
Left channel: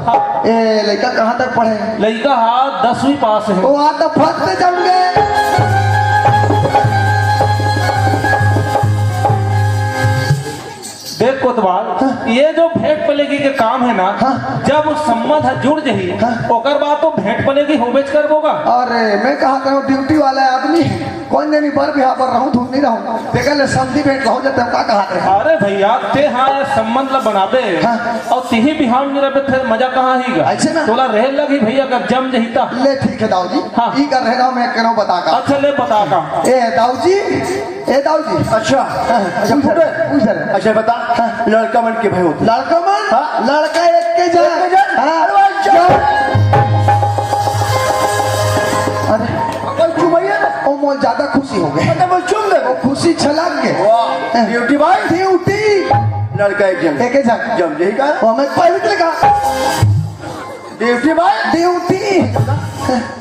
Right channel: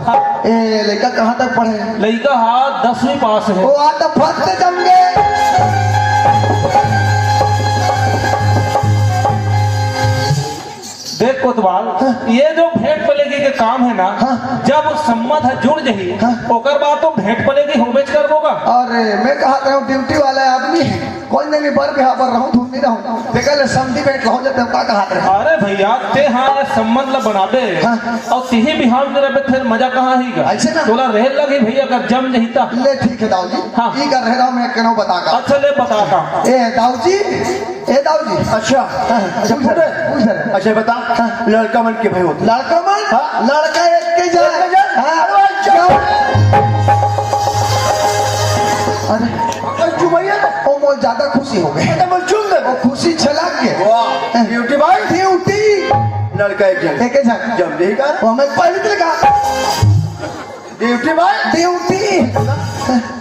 ए लड़का कहाँ तक पढ़े लड़का हा 10वीं पास है वाह तो फट जम गए देख कोतवाल ये जो भेंट पलेगी के काम है ना जब सम्मत जुड़ जाही ओकर बाद तो भेंट पलेगी होबेच कर दोगा अरे मैं कहा था ड्यूटी वाला आदमी कौन नहीं बार बिहार पर रहूं धूप नहीं रहूं देखा ले सब्जी भेंट रहो जब का कहा रहे अरे भैया ते हाँ सम्मत ला बनाबे और तिही बिहार में रहे फिर मजा कहाँ ही गा ऐसे ना? तोला रह लगी भैया अगर जम जही ता ले ठीक है दाऊ जी हाँ। ई कर रहा मैं कह बता का अच्छा ले बता का ए दाऊ जी अच्छा पूछ ले अच्छा बता लड़का मन के भाई होते लड़का मन हाँ। लड़का एक के जाए एक के जाए? हाँ। अरे चुमैया ओ मोल ज्यादा खुशी हो गए मैं चुम दे वो खुशी छलक गए वाह ड्यूटी भाई ड्यूटी लड़का एक जन एक जाए जम जही का वो हमें पहले देखा ड्यूटी भाई ड्यूटी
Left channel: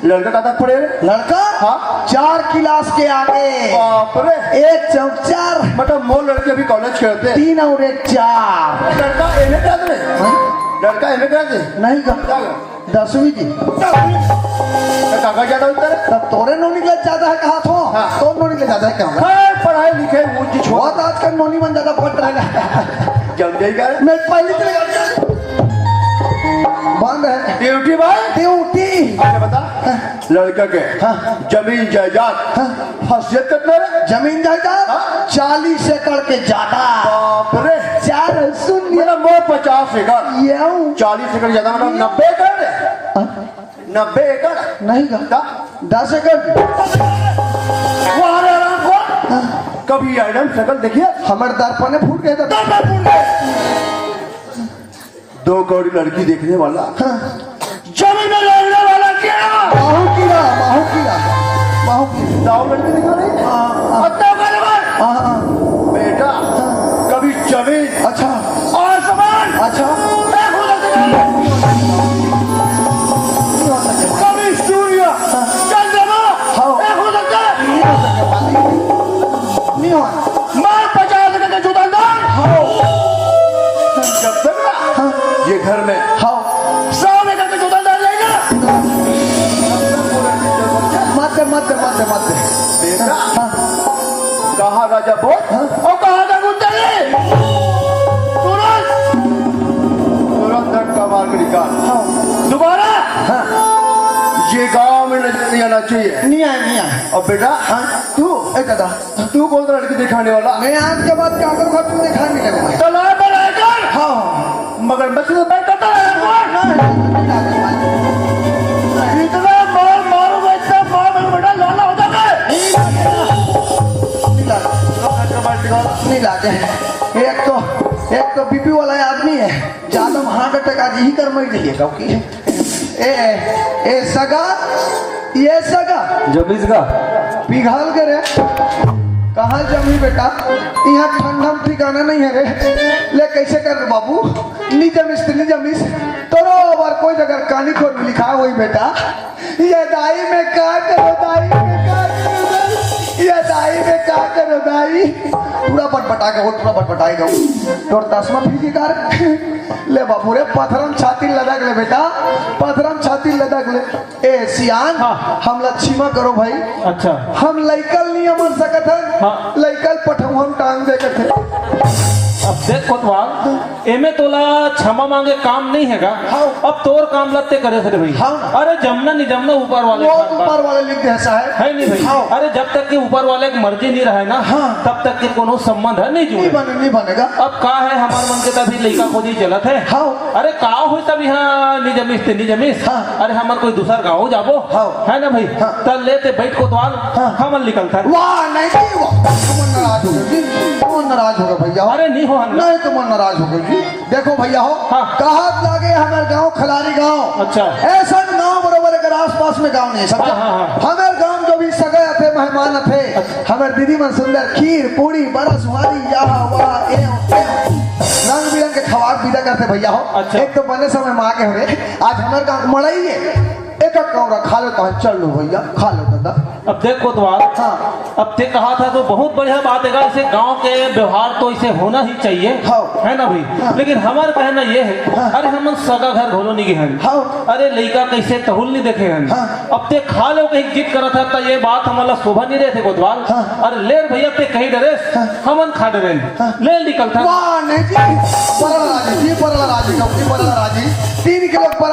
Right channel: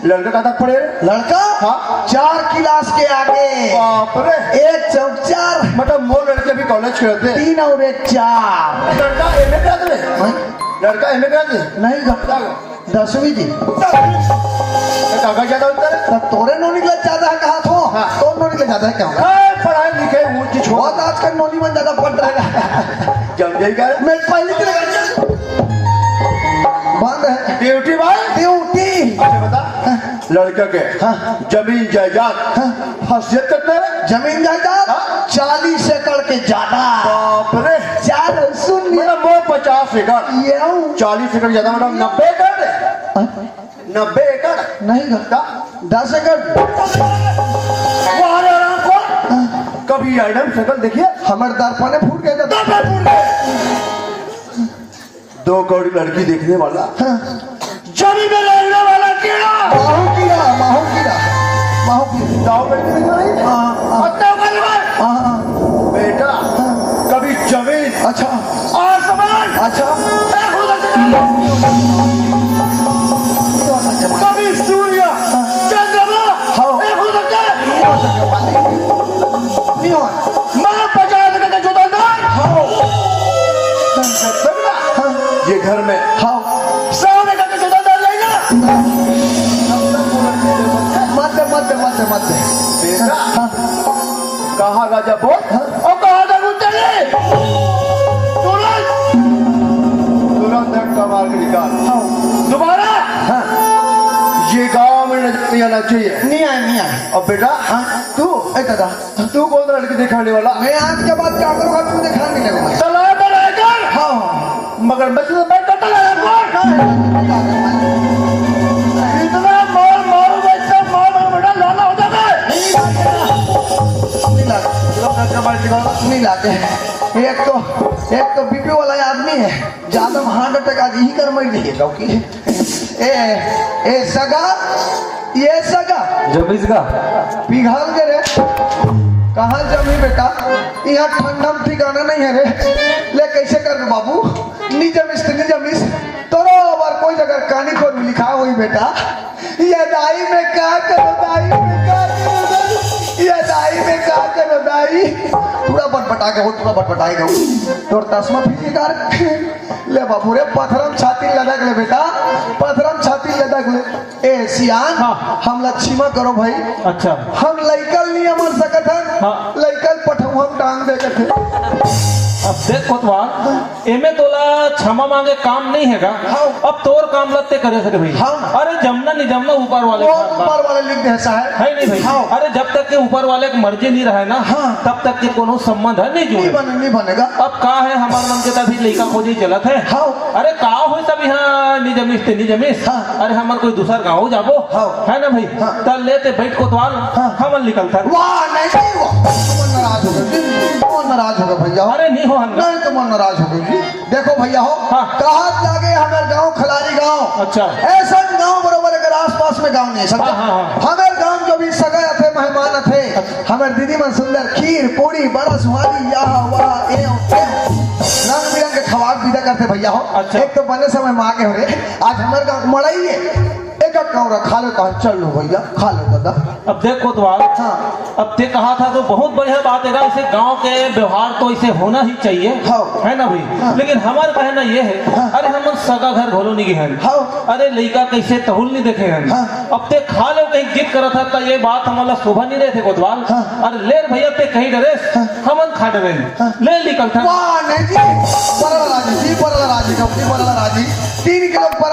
लड़का कहाँ पड़े लड़का हाँ। 4 क्लास के आगे बाप रे 1 चौक 4 मतलब मोर लड़के भी कॉलेज करते हैं 3 और 1 4 लड़का एमए कर दे लड़का एमए कर दे नहीं गप्पा 10वीं जी काका ज्यादा होता है तब तोरे नोनी के ज्यादा है कहा थो हाँ। तो नोनी के ज्यादा है क्या होगा हाँ, पढ़ाई लिखे ऊंची छोड़ बहुत आजकल नोनी मन ज्यादा पढ़ रहेगा जम जही का मैं पहले तेरे बंद है ड्यूटी भाई ड्यूटी अच्छा बता लड़का के जमीन जायदाद खासियत कितना है जमीन जायदाद 40 एकड़ के ज्यादा बाप रे 4 सुन लिया मतलब मोर 50 एकड़ ये 40 एकड़ ज्यादा मतलब 90 एकड़ है 90 एकड़ नहीं गा 10 एकड़ वहाँ आराम से कभी आइटम शकल देखिए हमारे दर्पण फूट गया था 2 करोड़ लड़की देखने वाला जमीन में लगने वाला कीड़ा बाहु कीड़ा दाव लड़की दिखा रही है अच्छा मेरे भाई बेटा कभी जमीन अच्छा आसमान अच्छा कभी सूर्य चंद्रमा एक हो सकता है नहीं हुआ मैं 50 एकड़ का जोतंदा ये घर में हाँ 100 एकड़ का जोतंदा रहेगा मत बेटा कहाँ राजा बोल और कहाँ जागुंजरी तुरंत कमाल के निकाल दोबारा ये गांव में नजर नहीं आना चाहिए नहीं आया अब बेटा तू ए दादा तू कौन सा लड़की दिखाने वाला मैं आज के बाद क्या करूँगा तू दिखाने लगूंगा चला कर हाँ मगर बच्चे तो बैठ करता है इतना मार मारू वैसा मार बड़ा लाना होता है नहीं लाते एक तो बीपी वाला आदमी है ज्यादा हार्ट अटैक आज यही कर मर रही है क्योंकि ए सगा ये सगा जमीज का पिघल के रे कहाँ जमी बेटा यहाँ ठंडा ठिकाना नहीं है रे ले कैसे कर बाबू नी जमीस तोरो बार कोई जगह कहानी खोल में लिखा हुई बेटा ये दाई में क्या करो दाई में क्या करो ये दाई में क्या करो दाई पूरा बटबटा के हो पूरा बटबटाई गो तोर तस्मा फीजी कर ले बाबू रे पथरम छाती लदक ले बेटा पथरम छाती लदक ले ए सियान हम लक्ष्मीमा करो भाई अच्छा हम लइकल नहीं अमर सकत है हाँ एमे तोला क्षमा मांगे काम नहीं हैगा। अब तोर काम लगते करे थे भाई। अरे जमना नहीं जमना ऊपर वाले ऊपर वाले लिख दे साहब है नहीं भाई। अरे जब तक के ऊपर वाले की मर्जी नहीं रहे ना तब तक के कोनो संबंध है नहीं जुड़े। नहीं बनेगा। अब का है हमारे मन के तभी लड़का खोजी चलत है। अरे का हुई तब यहाँ नहीं जमीस ते नहीं जमीस। अरे हमार कोई दूसरा गाँव जाबो है ना भाई। तब लेते बैठ को द्वार हमन निकलता है। वाह नहीं नाराज होगा भैया। अरे नहीं हो नहीं तुम नाराज हो गई। देखो भैया हो कहा लागे हमारे गांव खलारी गांव। अच्छा ऐसा गांव बराबर अगर आस पास में गांव नहीं समझा। हमारे गांव जो भी सगे थे मेहमान थे हमारे दीदी मन सुंदर खीर पूरी बरस वाली रंग बिरंग के खवाब विदा करते भैया हो। अच्छा। एक तो बने समय माँ के हो रहे आज हमारे गाँव मड़ाई है एक कौरा खा लेता है। चल लो भैया खा लो दादा। अब देखो तो अब ते कहा था तो बहुत बढ़िया बात है। इसे गांव के व्यवहार तो इसे होना ही चाहिए है ना भाई। लेकिन हमारा कहना ये है अरे हम सगा घर घोलो नहीं है। अरे लड़का कैसे तहुल नहीं देखे हैं। अब ते खा लो कहीं जिद करा था तो ये बात हमारा शोभा नहीं रहे थे कोतवाल। अरे ले भैया ते कहीं डरे हमन खा डरे ले निकल था। नहीं जी बरला राजी 3 किलो पर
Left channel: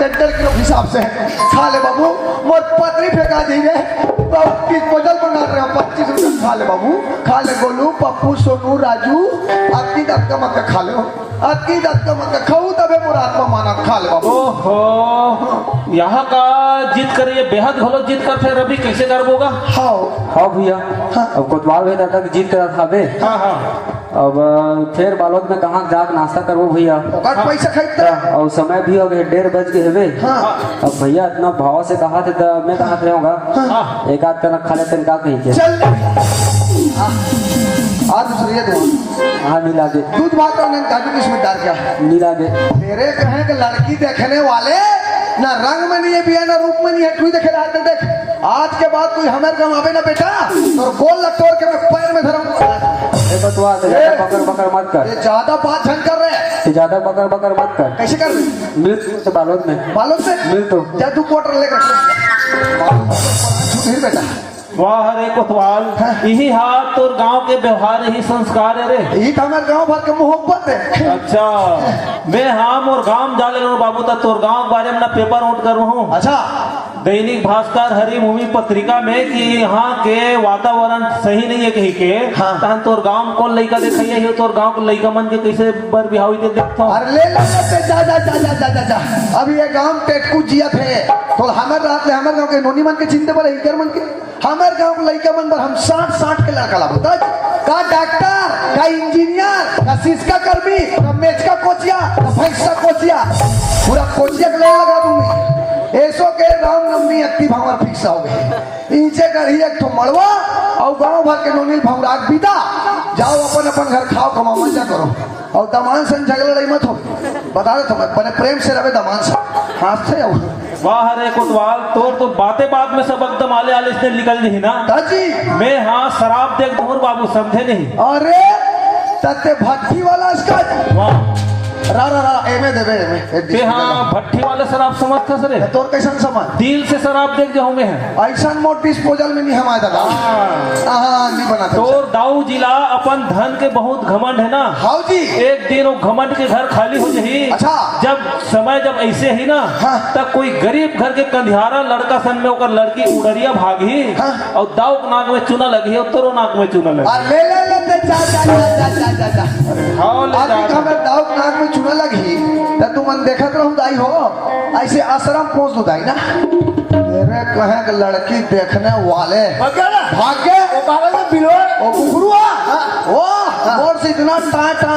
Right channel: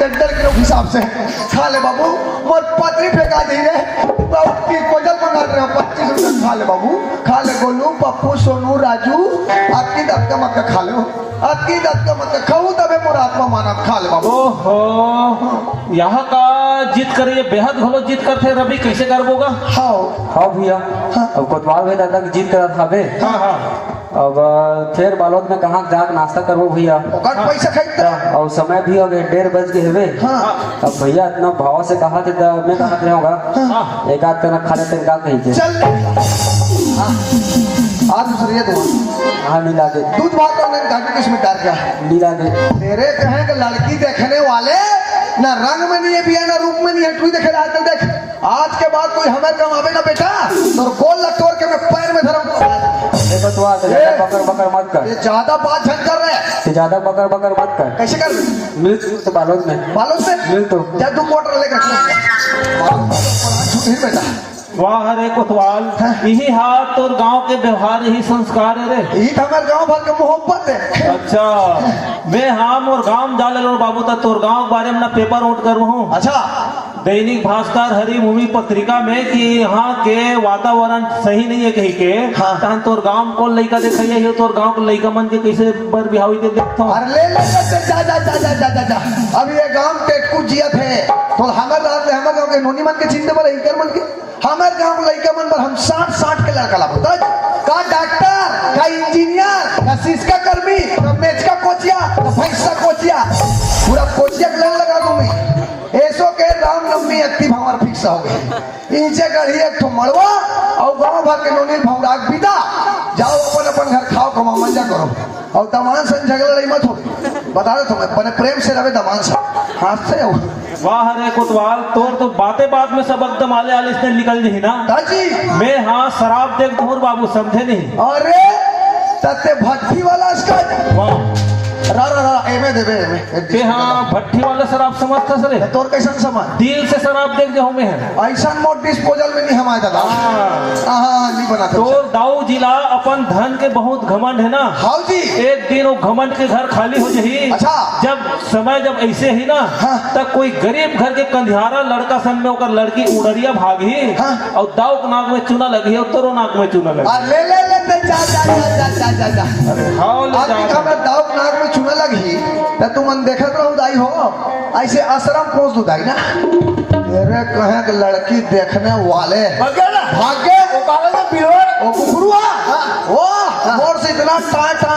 टेंडर के हिसाब से खा ले बाबू मोर पत्री फेंका दी रे 25 कोजल मंगा रहे 25 खा ले बाबू खा ले गोलू पप्पू सोनू राजू आपकी दर्द का मक्का खा लो आपकी दर्द का मक्का खाऊं तबे मोर आत्मा माना खा ले बाबू। ओहो यहाँ का जिद करे बेहद घोलो जिद करते रवि कैसे करबोगा। हाँ भैया अब कोतवाल भाई दादा की जीत करा था बे। अब फिर बालोद में कहाँ जाकर नाश्ता करबो भैया। पैसा खरीदता और समय भी हो गए 1:30 बज गए हुए। अब भैया इतना भाव से कहा थे मैं कहा रहूंगा एक आध का खा लेते का कहीं चल आज दूसरी दूध हाँ मिला दे दूध भात करने किसमें डाल क्या मिला दे। तेरे कहें कि लड़की देखने वाले ना रंग में नहीं है भी है ना रूप में नहीं है। तू देखे आजकल देख आज के बाद कोई हमें कम आवेगा बेटा और गोल तोड़ के मैं पैर में धरूं। देखो तू ज्यादा बकर बकर मत कर। ये ज्यादा बात झंड कर रहे हैं। ज्यादा बकर बकर मत कर। कैसे कर मिल तो बालोद में बालोद से मिल तो क्या 2 क्वार्टर लेकर फिर बेटा। वाह रे कोतवाल यही हाथ तो गांव के व्यवहार यही संस्कार है रे। यही तो हमारे गाँव भर का मोहब्बत है। अच्छा मैं हम और गांव जा ले बाबू तक तोर गांव के बारे में ना पेपर उठ करूँ हूँ। अच्छा दैनिक भास्कर हरिभूमि पत्रिका में कि यहाँ के वातावरण सही नहीं है कहीं के तहन तोर गांव कौन लड़का देखिए है तोर गांव के लड़का मन के कैसे बर बिहावी दे देखता हूँ। अरे ले जा जा जा जा जा जा अब ये गांव टेटकू जिया थे तो हमारे रात में हमारे गांव के नोनी मन के चिंता पर इनकर मन के हमारे गांव लड़का मन पर हम 60 के लड़का लाभ का डॉक्टर का इंजीनियर का सिस्का कर्मी का मैच का कोचिया भैंस का कोचिया पूरा कोचिया के लगा दूंगी। ऐसो के राम नवमी एक्टिव हमार फिक्स हो गई इनसे कर एक तो मड़वा और गांव भर के नोनी भमराग बिता जाओ अपन अपन घर खाओ कमाओ मजा करो और दमान से झगड़ा लड़ी मत हो बता रहा था मैं प्रेम से रहे दमान से हाथ से आओ। वाह रे कोतवाल तोर तो बातें बात में सब एकदम आले आले से निकल नहीं ना दादी मैं हाँ शराब देख तोर बाबू समझे नहीं। अरे तते भट्टी वाला इसका रा रा रा एमे देवे हाँ भट्टी वाले शराब समझते सरे तोर कैसा समझ दिल से शराब देख जो हमें है ऐसा मोट डिस्पोजल में नहीं हमारा दादा नहीं बनाते तो दाऊ जिला अपन धन के बहुत घमंड है ना। हाँ जी एक दिन वो घमंड के घर खाली हो जाही। अच्छा जब समय जब ऐसे ही ना तब कोई गरीब घर के कंधियारा लड़का सन में होकर लड़की उड़रिया भागी और दाऊ नाक में चूना लगी है तोरो नाक में चूना लगी। ले ले ले जा जा जा जा दाऊ नाक में चूना लगी तू मन देखत रहूं दाई हो ऐसे आश्रम पहुंच दो दाई ना मेरे कहे कि लड़की देखने वाले भाग गए वो से इतना टाटा